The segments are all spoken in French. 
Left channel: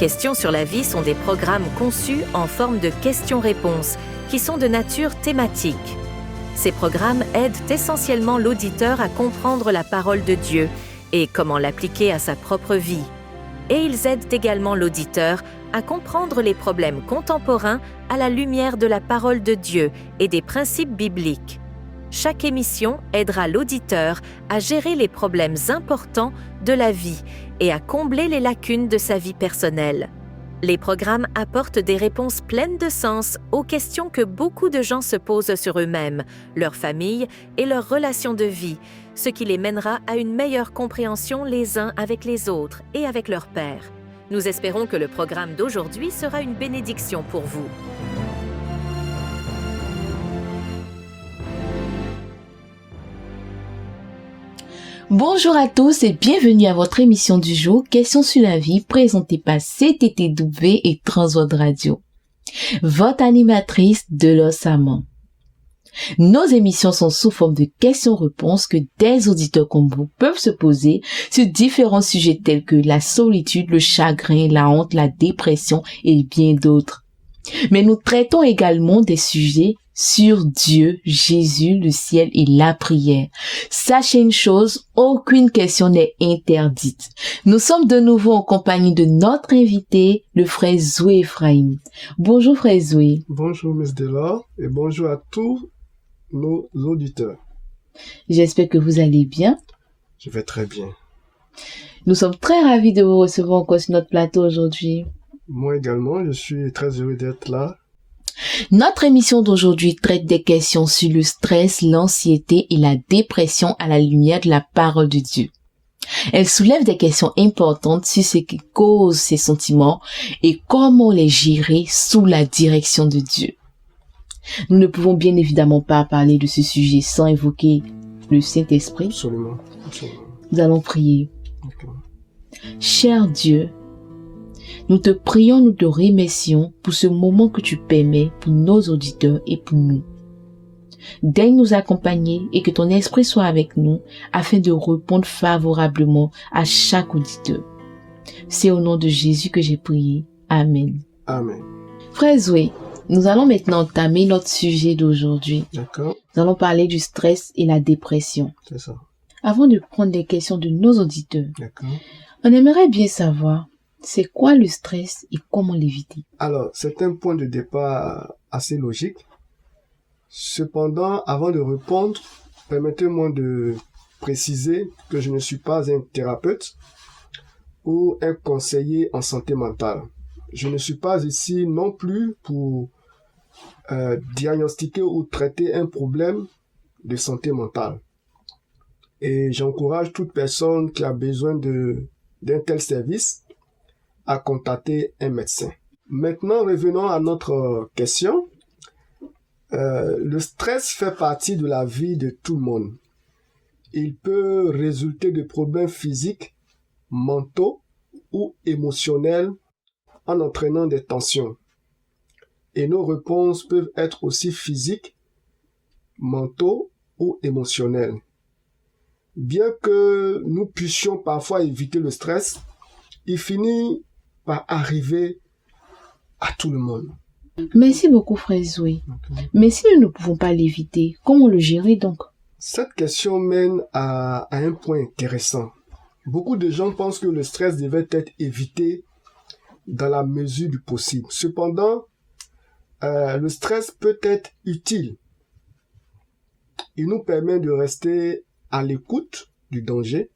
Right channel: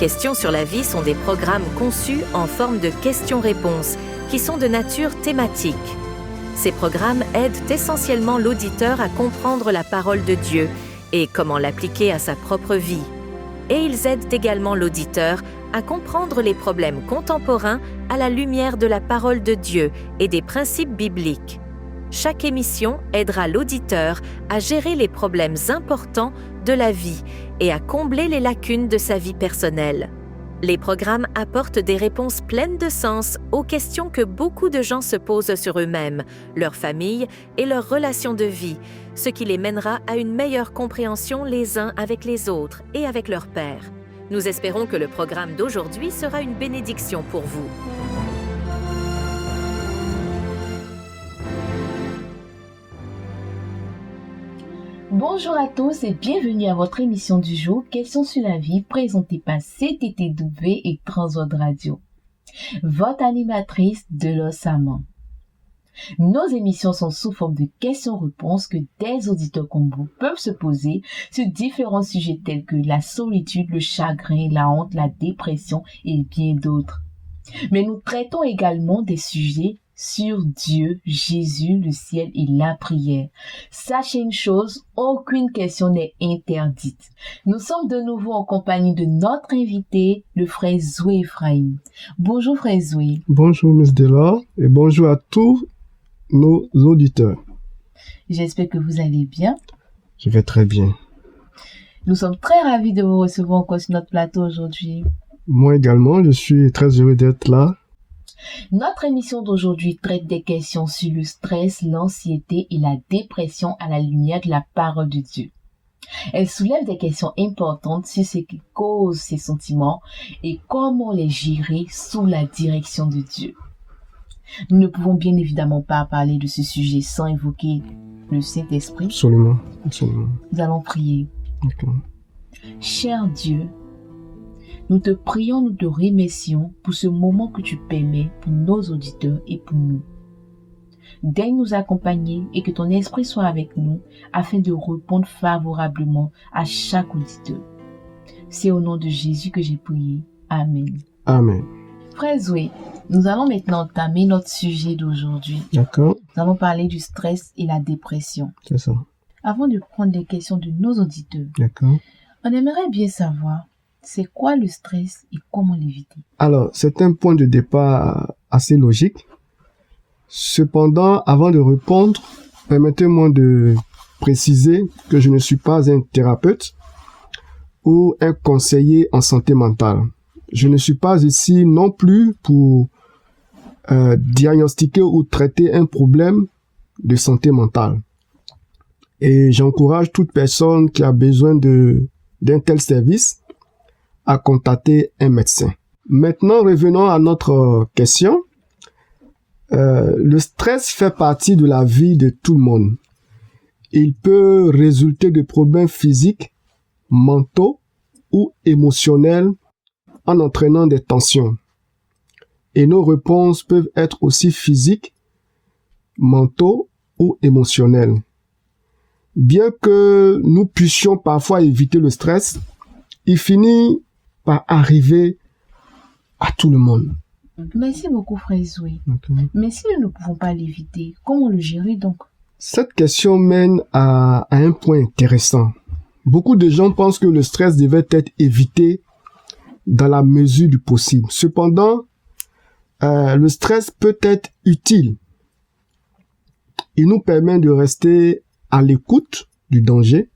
Questions sur la vie sont des programmes conçus en forme de questions-réponses qui sont de nature thématique. Ces programmes aident essentiellement l'auditeur à comprendre la parole de Dieu et comment l'appliquer à sa propre vie. Et ils aident également l'auditeur à comprendre les problèmes contemporains à la lumière de la parole de Dieu et des principes bibliques. Chaque émission aidera l'auditeur à gérer les problèmes importants de la vie et à combler les lacunes de sa vie personnelle. Les programmes apportent des réponses pleines de sens aux questions que beaucoup de gens se posent sur eux-mêmes, leur famille et leurs relations de vie, ce qui les mènera à une meilleure compréhension les uns avec les autres et avec leur Père. Nous espérons que le programme d'aujourd'hui sera une bénédiction pour vous. Bonjour à tous et bienvenue à votre émission du jour Questions sur la vie présentée par CTTW et Transworld Radio. Votre animatrice Delos Samon. Nos émissions sont sous forme de questions-réponses que des auditeurs comme vous peuvent se poser sur différents sujets tels que la solitude, le chagrin, la honte, la dépression et bien d'autres. Mais nous traitons également des sujets sur Dieu, Jésus, le ciel et la prière. Sachez une chose, aucune question n'est interdite. Nous sommes de nouveau en compagnie de notre invité, le frère Zoé Ephraim. Bonjour frère Zoé. Bonjour Miss Della et bonjour à tous nos auditeurs. J'espère que vous allez bien. Je vais très bien. Nous sommes très ravis de vous recevoir encore sur notre plateau aujourd'hui. Moi également, je suis très heureux d'être là. Notre émission d'aujourd'hui traite des questions sur le stress, l'anxiété et la dépression à la lumière de la parole de Dieu. Elle soulève des questions importantes sur ce qui cause ces sentiments et comment les gérer sous la direction de Dieu. Nous ne pouvons bien évidemment pas parler de ce sujet sans évoquer le Saint-Esprit. Absolument. Nous allons prier. Okay. Cher Dieu, nous te prions, nous te remercions pour ce moment que tu permets pour nos auditeurs et pour nous. Daigne nous accompagner et que ton esprit soit avec nous afin de répondre favorablement à chaque auditeur. C'est au nom de Jésus que j'ai prié. Amen. Amen. Frère Zoé, nous allons maintenant entamer notre sujet d'aujourd'hui. D'accord. Nous allons parler du stress et la dépression. C'est ça. Avant de prendre les questions de nos auditeurs, D'accord. On aimerait bien savoir c'est quoi le stress et comment l'éviter. Alors, c'est un point de départ assez logique. Cependant, avant de répondre, permettez-moi de préciser que je ne suis pas un thérapeute ou un conseiller en santé mentale. Je ne suis pas ici non plus pour diagnostiquer ou traiter un problème de santé mentale. Et j'encourage toute personne qui a besoin d'un tel service à contacter un médecin. Maintenant, revenons à notre question. Le stress fait partie de la vie de tout le monde. Il peut résulter de problèmes physiques, mentaux ou émotionnels en entraînant des tensions. Et nos réponses peuvent être aussi physiques, mentaux ou émotionnels. Bien que nous puissions parfois éviter le stress, il finit par arriver à tout le monde. Merci beaucoup, frère Zoé. Okay. Mais si nous ne pouvons pas l'éviter, comment le gérer donc? Cette question mène à un point intéressant. Beaucoup de gens pensent que le stress devait être évité dans la mesure du possible. Cependant, le stress peut être utile. Il nous permet de rester à l'écoute du danger,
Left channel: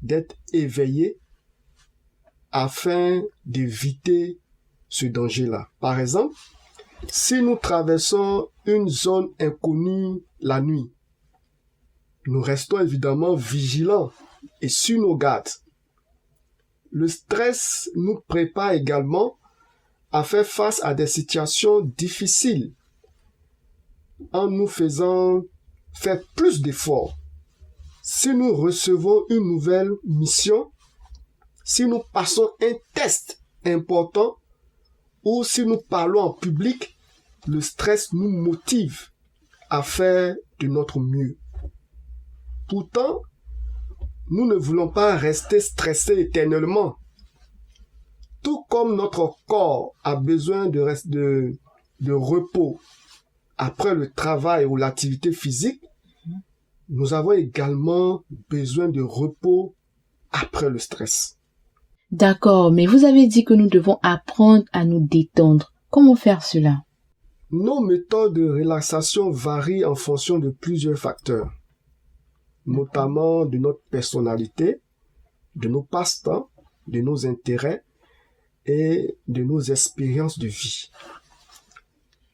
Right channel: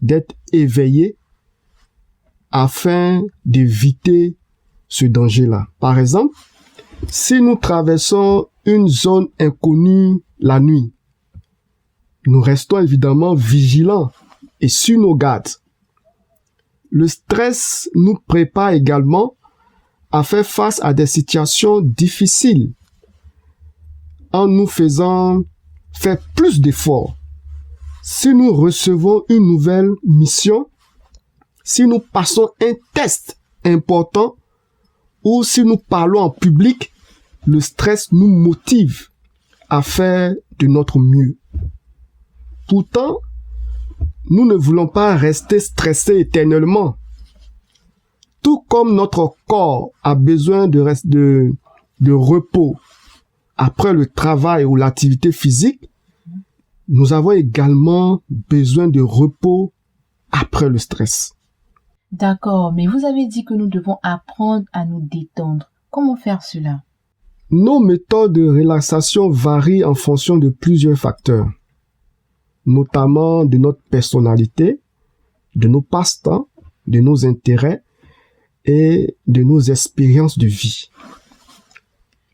d'être éveillé afin d'éviter ce danger-là. Par exemple, si nous traversons une zone inconnue la nuit, nous restons évidemment vigilants et sur nos gardes. Le stress nous prépare également à faire face à des situations difficiles en nous faisant faire plus d'efforts. Si nous recevons une nouvelle mission, si nous passons un test important ou si nous parlons en public, le stress nous motive à faire de notre mieux. Pourtant, nous ne voulons pas rester stressés éternellement. Tout comme notre corps a besoin de repos après le travail ou l'activité physique, nous avons également besoin de repos après le stress. D'accord, mais vous avez dit que nous devons apprendre à nous détendre. Comment faire cela? Nos méthodes de relaxation varient en fonction de plusieurs facteurs, notamment de notre personnalité, de nos passe-temps, de nos intérêts et de nos expériences de vie.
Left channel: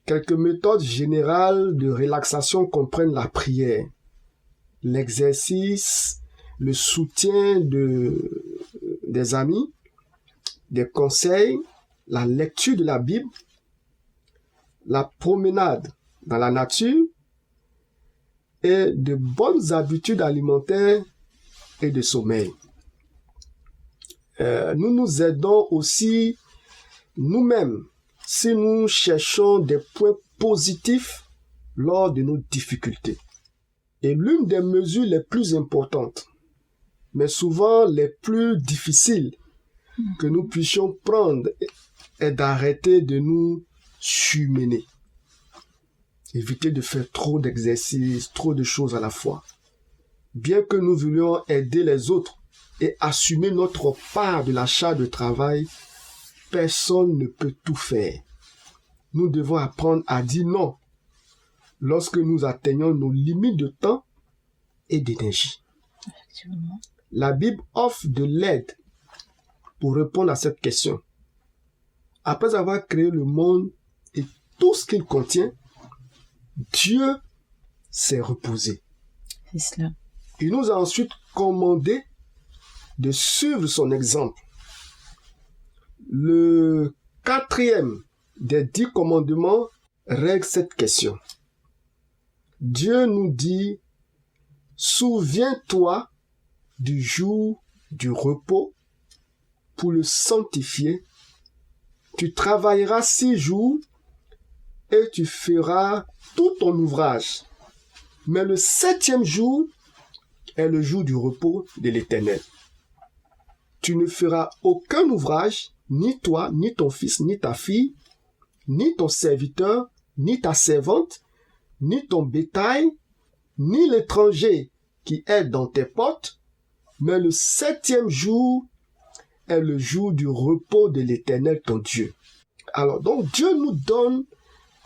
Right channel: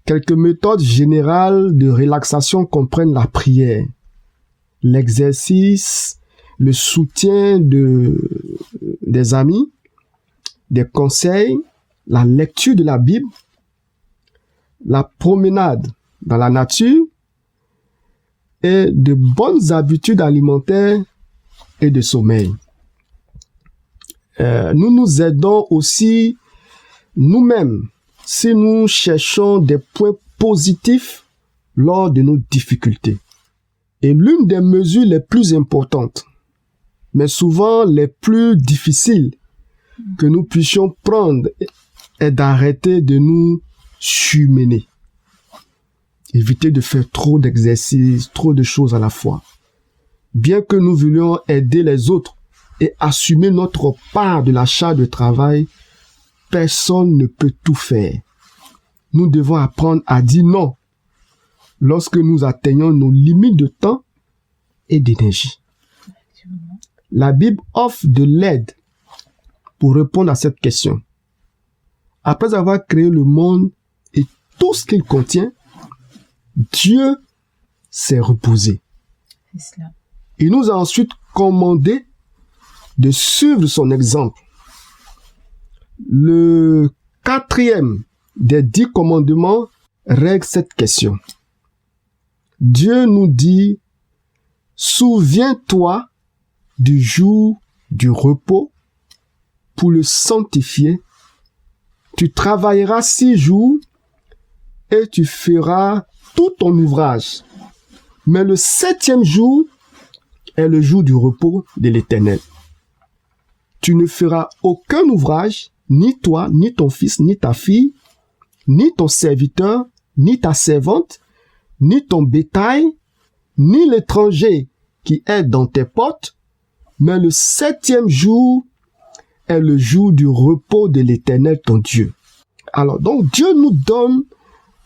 Quelques méthodes générales de relaxation comprennent la prière, l'exercice, le soutien des amis, des conseils, la lecture de la Bible, la promenade dans la nature et de bonnes habitudes alimentaires et de sommeil. Nous nous aidons aussi nous-mêmes si nous cherchons des points positifs lors de nos difficultés. Et l'une des mesures les plus importantes, mais souvent les plus difficiles que nous puissions prendre est d'arrêter de nous surmener. Éviter de faire trop d'exercices, trop de choses à la fois. Bien que nous voulions aider les autres et assumer notre part de la charge de travail, personne ne peut tout faire. Nous devons apprendre à dire non lorsque nous atteignons nos limites de temps et d'énergie. La Bible offre de l'aide pour répondre à cette question. Après avoir créé le monde et tout ce qu'il contient, Dieu s'est reposé. C'est cela. Il nous a ensuite commandé de suivre son exemple. Le 4e des 10 commandements règle cette question. Dieu nous dit, souviens-toi du jour du repos pour le sanctifier. Tu travailleras 6 jours et tu feras tout ton ouvrage. Mais le 7e jour est le jour du repos de l'Éternel. Tu ne feras aucun ouvrage, ni toi, ni ton fils, ni ta fille, ni ton serviteur, ni ta servante, ni ton bétail, ni l'étranger qui est dans tes portes, mais le 7e jour est le jour du repos de l'Éternel ton Dieu. Alors, donc, Dieu nous donne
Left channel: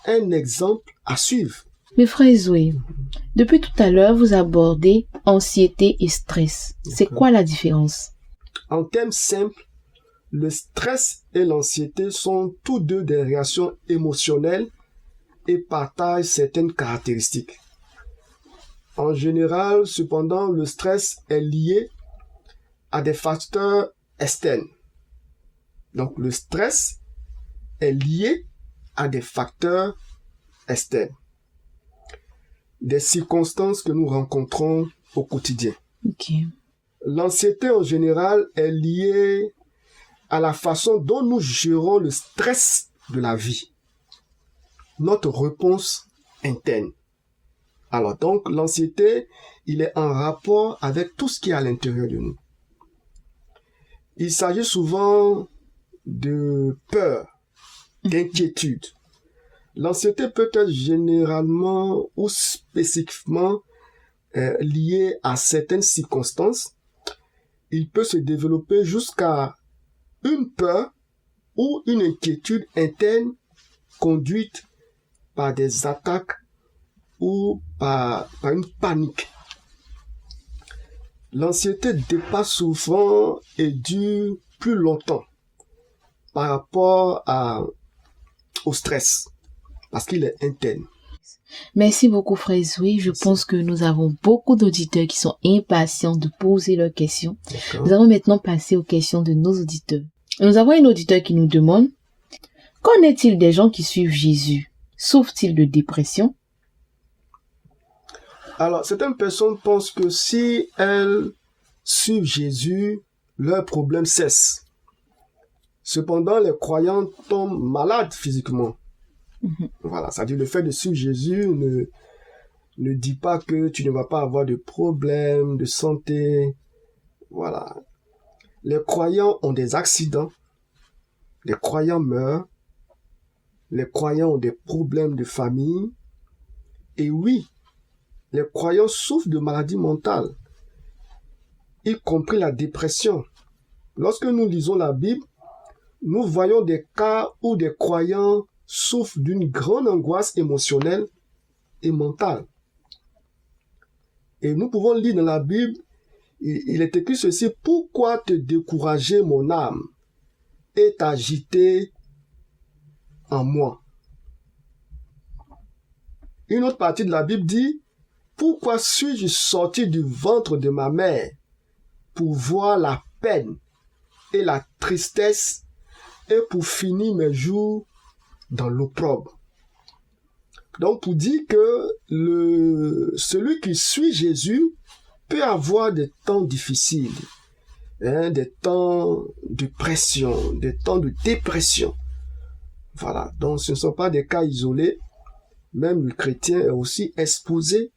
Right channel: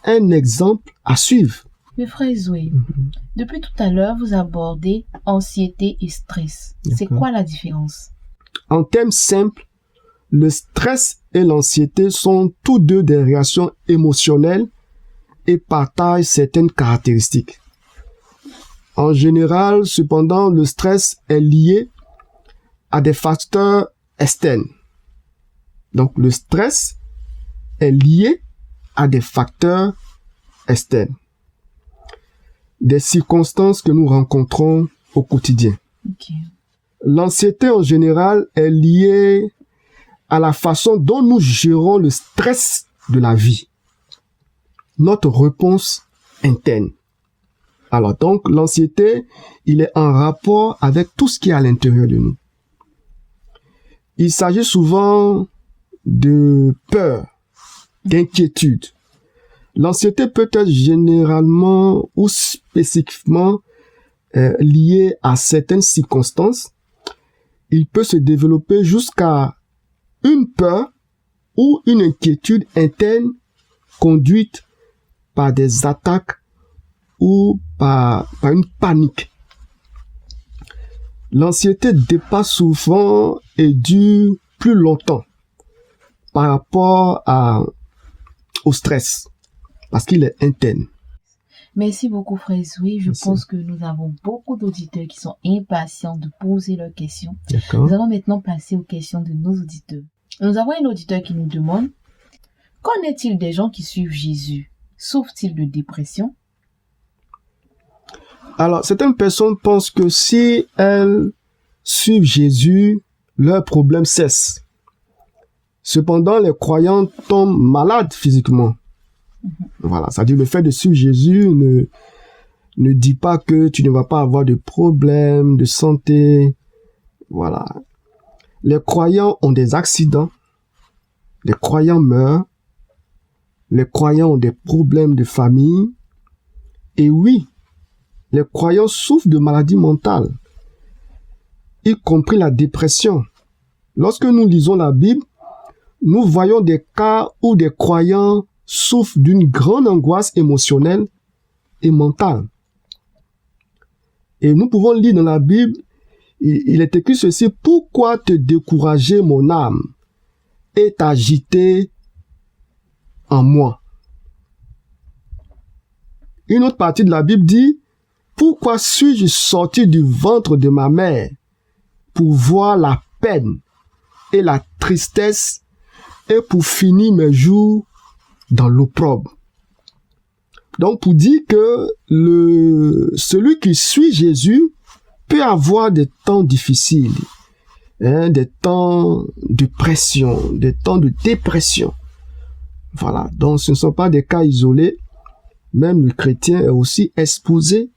un exemple à suivre. Mais frère Zoé, depuis tout à l'heure, vous abordez anxiété et stress. C'est quoi la différence? En termes simples, le stress et l'anxiété sont tous deux des réactions émotionnelles et partagent certaines caractéristiques. En général, cependant, le stress est lié à des facteurs externes. Donc, le stress est lié à des facteurs externes. Des circonstances que nous rencontrons au quotidien. Okay. L'anxiété en général est liée à la façon dont nous gérons le stress de la vie. Notre réponse interne. Alors donc, l'anxiété, il est en rapport avec tout ce qui est à l'intérieur de nous. Il s'agit souvent de peur, d'inquiétude. L'anxiété peut être généralement ou spécifiquement liée à certaines circonstances. Il peut se développer jusqu'à une peur ou une inquiétude interne conduite par des attaques ou par une panique. L'anxiété dépasse souvent et dure plus longtemps par rapport au stress, parce qu'il est interne. Merci beaucoup, frère Zoé. Je pense que nous avons beaucoup d'auditeurs qui sont impatients de poser leurs questions. D'accord. Nous allons maintenant passer aux questions de nos auditeurs. Nous avons un auditeur qui nous demande: qu'en est-il des gens qui suivent Jésus? Souffrent-ils de dépression? Alors, certaines personnes pensent que si elles suivent Jésus, leurs problèmes cessent. Cependant, les croyants tombent malades physiquement. Voilà, c'est-à-dire le fait de suivre Jésus ne dit pas que tu ne vas pas avoir de problèmes de santé. Voilà. Les croyants ont des accidents, les croyants meurent, les croyants ont des problèmes de famille, et oui, les croyants souffrent de maladies mentales, y compris la dépression. Lorsque nous lisons la Bible, nous voyons des cas où des croyants souffrent d'une grande angoisse émotionnelle et mentale. Et nous pouvons lire dans la Bible, il est écrit ceci: « Pourquoi te décourager, mon âme, et t'agiter en moi ?» Une autre partie de la Bible dit: « Pourquoi suis-je sorti du ventre de ma mère pour voir la peine et la tristesse et pour finir mes jours dans l'opprobre ?» Donc, pour dire que celui qui suit Jésus peut avoir des temps difficiles, des temps de pression, des temps de dépression. Voilà, donc ce ne sont pas des cas isolés. Même le chrétien est aussi exposé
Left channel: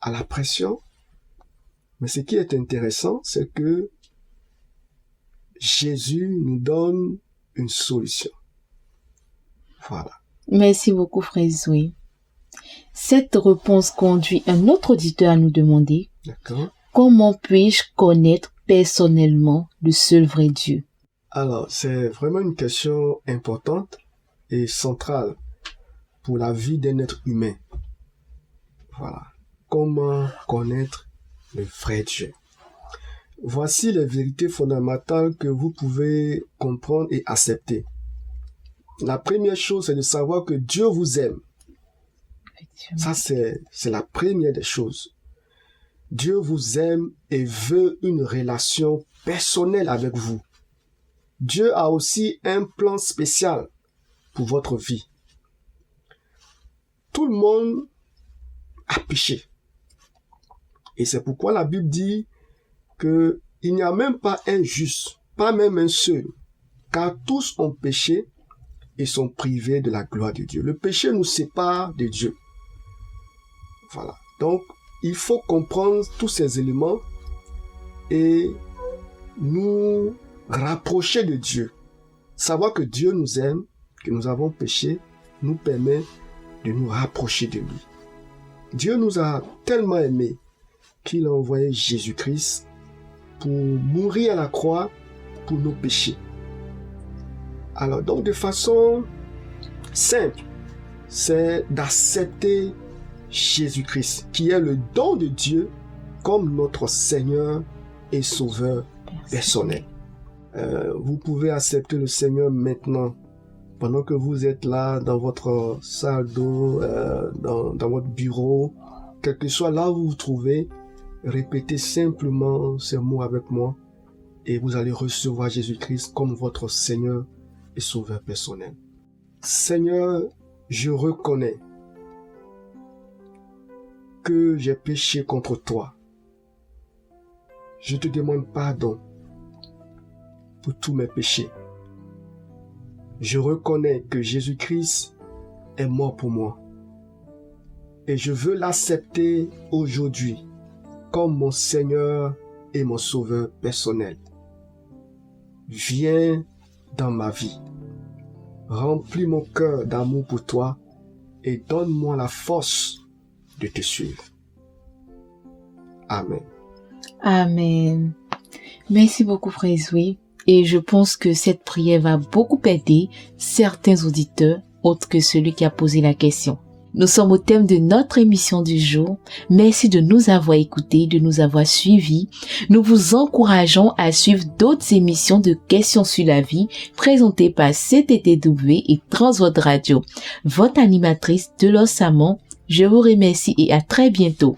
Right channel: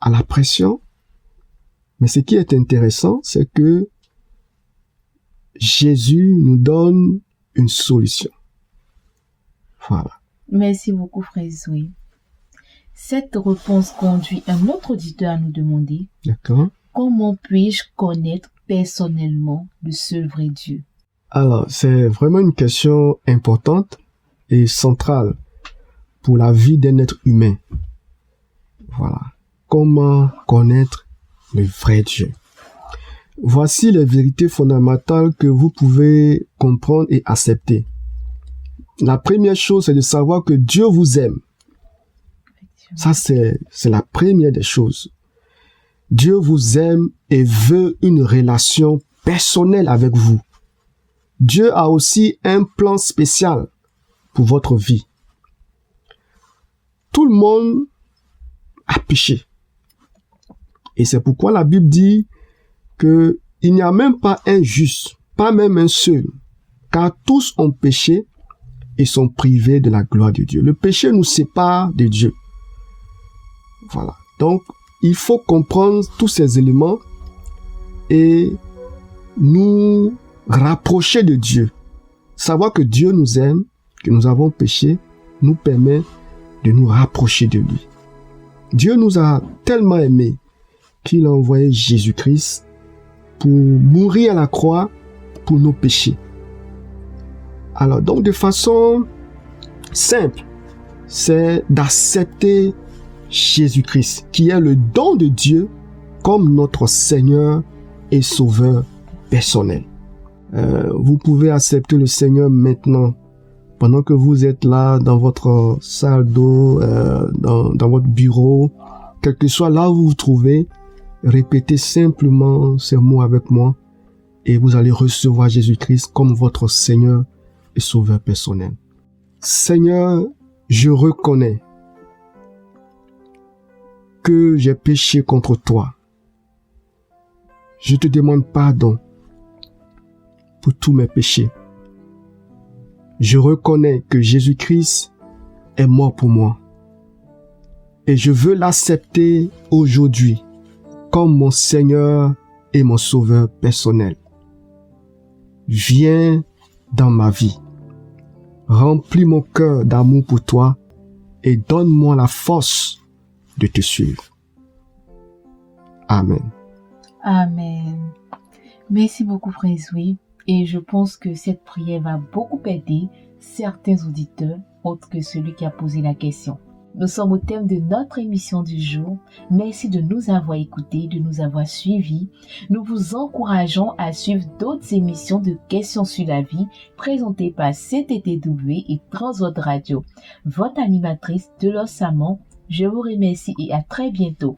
à la pression. Mais ce qui est intéressant, c'est que Jésus nous donne une solution. Voilà. Merci beaucoup, Frère Zoé. Cette réponse conduit un autre auditeur à nous demander: D'accord. Comment puis-je connaître personnellement le seul vrai Dieu? Alors, c'est vraiment une question importante et centrale pour la vie d'un être humain. Voilà. Comment connaître le vrai Dieu? Voici les vérités fondamentales que vous pouvez comprendre et accepter. La première chose, c'est de savoir que Dieu vous aime. Ça, c'est la première des choses. Dieu vous aime et veut une relation personnelle avec vous. Dieu a aussi un plan spécial pour votre vie. Tout le monde a péché. Et c'est pourquoi la Bible dit que il n'y a même pas un juste, pas même un seul, car tous ont péché et sont privés de la gloire de Dieu. Le péché nous sépare de Dieu. Voilà. Donc, il faut comprendre tous ces éléments et nous rapprocher de Dieu. Savoir que Dieu nous aime, que nous avons péché, nous permet de nous rapprocher de lui. Dieu nous a tellement aimés qu'il a envoyé Jésus-Christ pour mourir à la croix pour nos péchés. Alors, donc, de façon simple, c'est d'accepter Jésus-Christ, qui est le don de Dieu, comme notre Seigneur et Sauveur personnel. Vous pouvez accepter le Seigneur maintenant, pendant que vous êtes là, dans votre salle d'eau, dans votre bureau, quel que soit là où vous vous trouvez, répétez simplement ces mots avec moi, et vous allez recevoir Jésus-Christ comme votre Seigneur et Sauveur personnel. Seigneur, je reconnais que j'ai péché contre toi. Je te demande pardon pour tous mes péchés. Je reconnais que Jésus-Christ est mort pour moi. Et je veux l'accepter aujourd'hui comme mon Seigneur et mon Sauveur personnel. Viens dans ma vie. Remplis mon cœur d'amour pour toi et donne-moi la force de te suivre. Amen. Amen. Merci beaucoup, Frère Zoé. Et je pense que cette prière va beaucoup aider certains auditeurs, autres que celui qui a posé la question. Nous sommes au thème de notre émission du jour. Merci de nous avoir écoutés, de nous avoir suivis. Nous vous encourageons à suivre d'autres émissions de questions sur la vie présentées par CTTW et Transworld Radio. Votre animatrice Delos Samon, je vous remercie et à très bientôt.